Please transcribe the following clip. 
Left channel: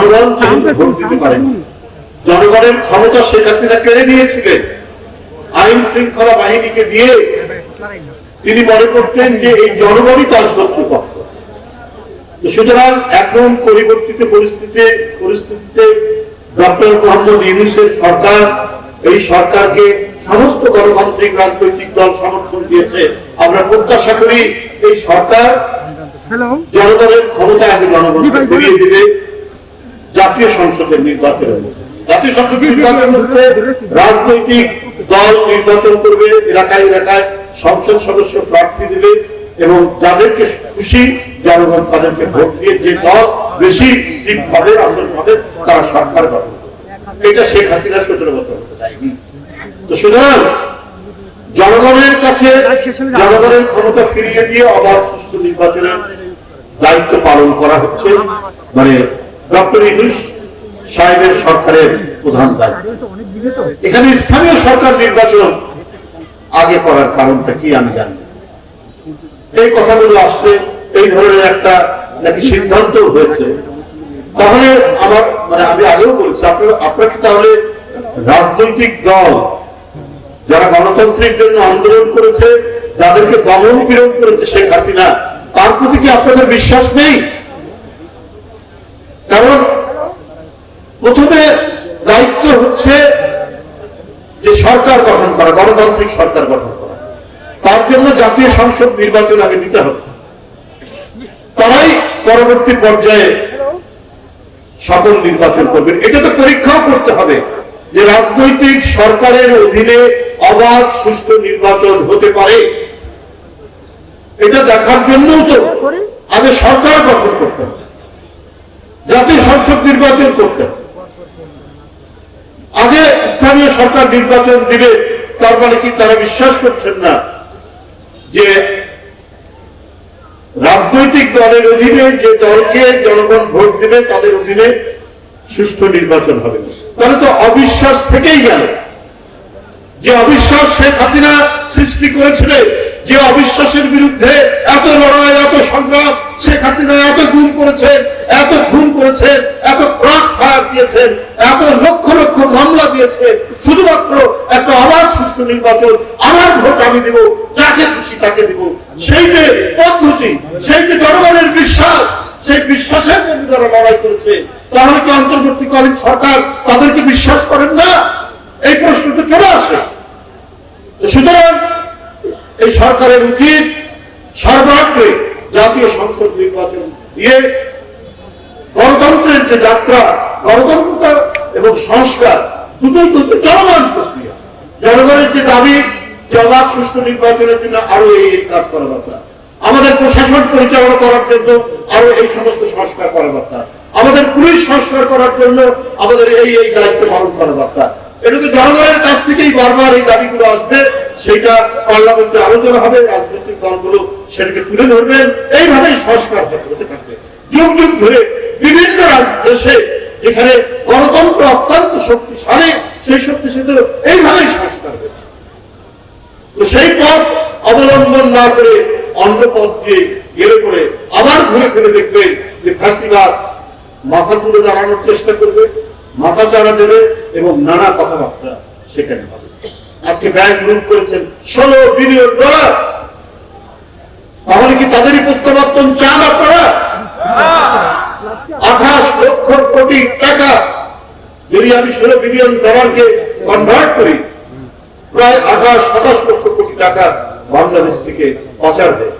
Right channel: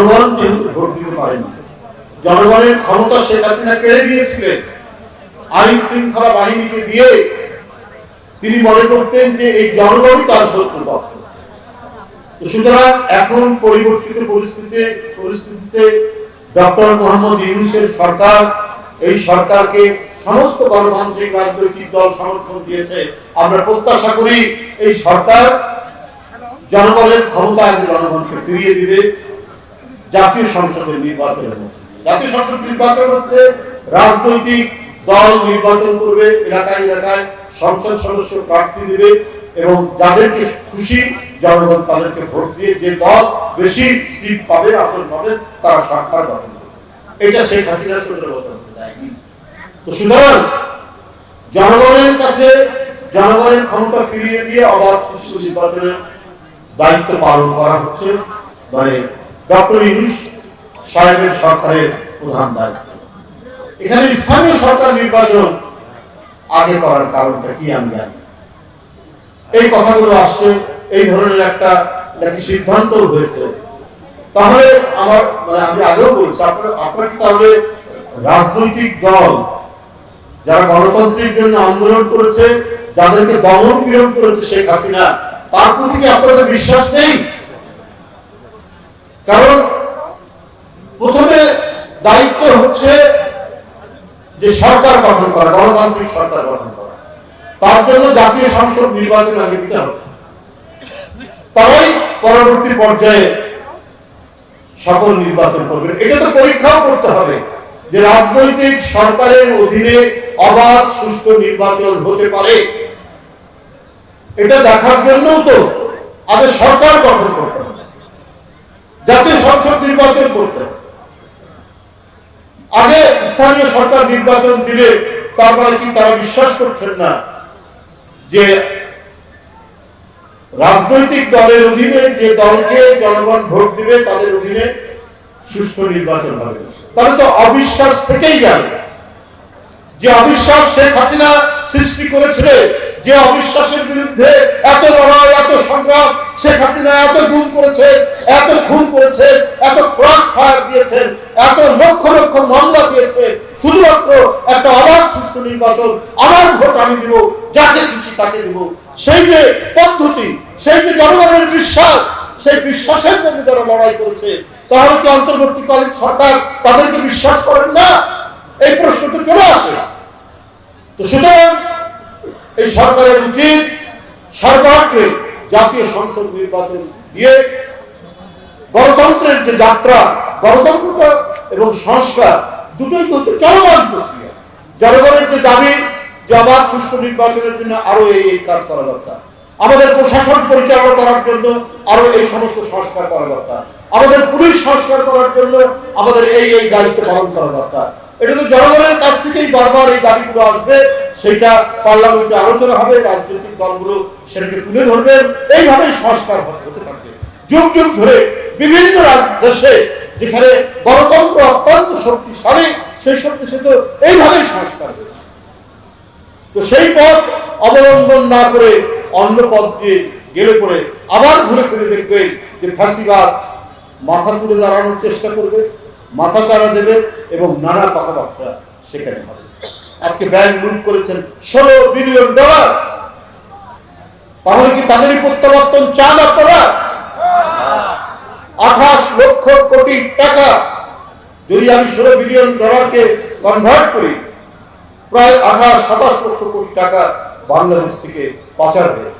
জনগণ ভোট দিতে পারেন জনগণের ক্ষমতা শেখ হাসিনা কেড়ে নিয়েছিলেন? আইন শৃঙ্খলা বাহিনীকে দিয়ে তিনি মনে করতেন যে এই জনগণই তার শত্রুপক্ষ সুতরাং এখন পরিবর্তিত পরিস্থিতিতে পরিস্থিতিতে ডক্টর মোহাম্মদ ইউনুসের সরকার এই সরকারকে সমস্ত গণতান্ত্রিক রাজনৈতিক দল সমর্থন দিয়েছে। আমরা প্রত্যাশা করি এই সরকার জনগণের ক্ষমতা আগে জনগণকে ফিরিয়ে দিবে। জাতীয় সংসদের নির্বাচনের। জাতীয় সংসদ নির্বাচনের মধ্যে রাজনৈতিক দল নির্বাচন করবে, এলাকায় এলাকায় সংসদ সদস্য প্রার্থী দিবে এবং যাদেরকে খুশি জনগণ তাদেরকে ভোট দিয়ে যে দল বেশি সিট পাবে, আসন পাবে, তারা সরকার গঠন এটা শেখ হাসিনা সতেরো বছর তো সুতরাং জনগণের কাছে জনগণের ক্ষমতা ফিরিয়ে দিয়ে অবাধ সুষ্ঠু নির্বাচনের দায়িত্ব পালন করা হচ্ছে। মানে ডক্টর ইউনুস সাহেবের সরকারের প্রধান দায়িত্ব। এখানে স্থানীয় সরকার নির্বাচন আগে করার কারণটা কি আমি জানি এই কথাগুলো আসছে, এই ধরনের একটা নাকি সিদ্ধান্ত হয়েছে। তাহলে আমার মানে আমি আগেও বলেছি, আপনার আপনার কি তাহলে রাজনৈতিক দল যারা গণতন্ত্রের জন্য আন্দোলন করেছে, যাদেরকে দমন বিরোধ করেছে শেখ হাসিনা, তার প্রতি কি আপনাদের বিশ্বাস নেই? কারণ প্রথমে দায়িত্ব হচ্ছে যে সরকার গঠন করা, গণতান্ত্রিক সরকার গঠন করা। তার জন্য জাতীয় সংসদ নির্বাচন আগে দিতে হবে। তারাই পরবর্তী পর্যায়ে সকল নির্বাচন করবেন এটা তো পরীক্ষাও করতে হবে যে রাজনৈতিক সরকারের অধীনে অবাধ, সুষ্ঠু নির্বাচন হতে পারে। এটা দেখার জন্যও তো আগে সরকার গঠন করতে হবে। জাতীয় সংসদ নির্বাচন করতে। আগে স্থানীয় সরকার নির্বাচন দিবে, তার মানে কি তারা বিশ্বাস করছেন না যে রাজনৈতিক দলের অধীনে যে দলকে জনগণ ভোট দিবে, তাদের অধীনে সুষ্ঠু নির্বাচন হবে। তাহলে তো অবিশ্বাস থেকেই গেল। যে অবিশ্বাস শেখ হাসিনা সৃষ্টি করেছিল যে অবিশ্বাসের বিরুদ্ধে এত লড়াই, এত সংগ্রাম শেখ হাসিনা এত গুম করেছে, এত খুন করেছে, এত ক্রস ফায়ার দিয়েছে, এত লক্ষ লক্ষ মামলা দিয়েছে, শুধুমাত্র একটা অবাধ সুষ্ঠু নির্বাচন, আমার ভোট আমি দেব, যাকে খুশি তাকে দেব। সেই যে পদ্ধতি, সেই যে জনগণের বিশ্বাস, সেই বিশ্বাসের জন্য তারা লড়াই করেছে তাহলে কি অন্তর্বর্তীকালীন সরকার, তাদেরকে বিশ্বাস করেন না? এই প্রশ্ন তো চলে আসে। সরকারের উচিত সর্বাগ্রে জাতীয় সংসদ নির্বাচন দিয়ে গণতন্ত্রের যে যাত্রা, গণতন্ত্র এবং সংস্কার, দুটোই কিন্তু চলমান প্রক্রিয়া। জনগণের যে দাবি জবাব সুষ্ঠু নির্বাচনের জন্য আরও এই কাজ করা দরকার। আমাদের প্রশাসন পরিচালনা করার জন্য আরও এই সমস্ত সংস্কার করা দরকার। আমাদের পুলিশ সংস্কার করার জন্য আমাদের এই এই দায়িত্ব পালন করা দরকার। এটা তো জনগণের কাছ থেকেই বারবার এই দাবিগুলো আসবে। সেটা পার্লামেন্টে আলোচনা হবে, রাজনৈতিক দলগুলো সেটাকে তুলে ধরবেন এইভাবেই সংস্কার হতে থাকবে। যুগ যুগ ধরে বিভিন্ন দেশে যেখানে গণতন্ত্র অত্যন্ত শক্তিশালী, সেই শক্তিশালী এইভাবেই সংস্কার হয়েছে। তো সেই পথ অবলম্বন না করে অন্য পথ দিয়ে গেলে পরে আবার ঘুরে ফিরে দেখবে যে ফাঁসিবাদ মাথা তুলে দাঁড়ানোর চেষ্টা করবে, মাথা চাড়া দেবে এবং নানা কথাবার্তা সেখানে হবে। আজকে ব্যাংক গ্রুপ করেছেন, ষোলো বিলিয়ন ডলার তাহলে কি তাদেরই প্রত্যাবর্তন চান আপনারা? আঠাশ লক্ষ কোটি টাকা। যদি আমি ষোলো বিলিয়ন ডলারকে কনভার্ট করি, প্রায় আঠাশ, সাতাশ লক্ষ কোটি টাকা বাংলাদেশ থেকে পাচার হয়ে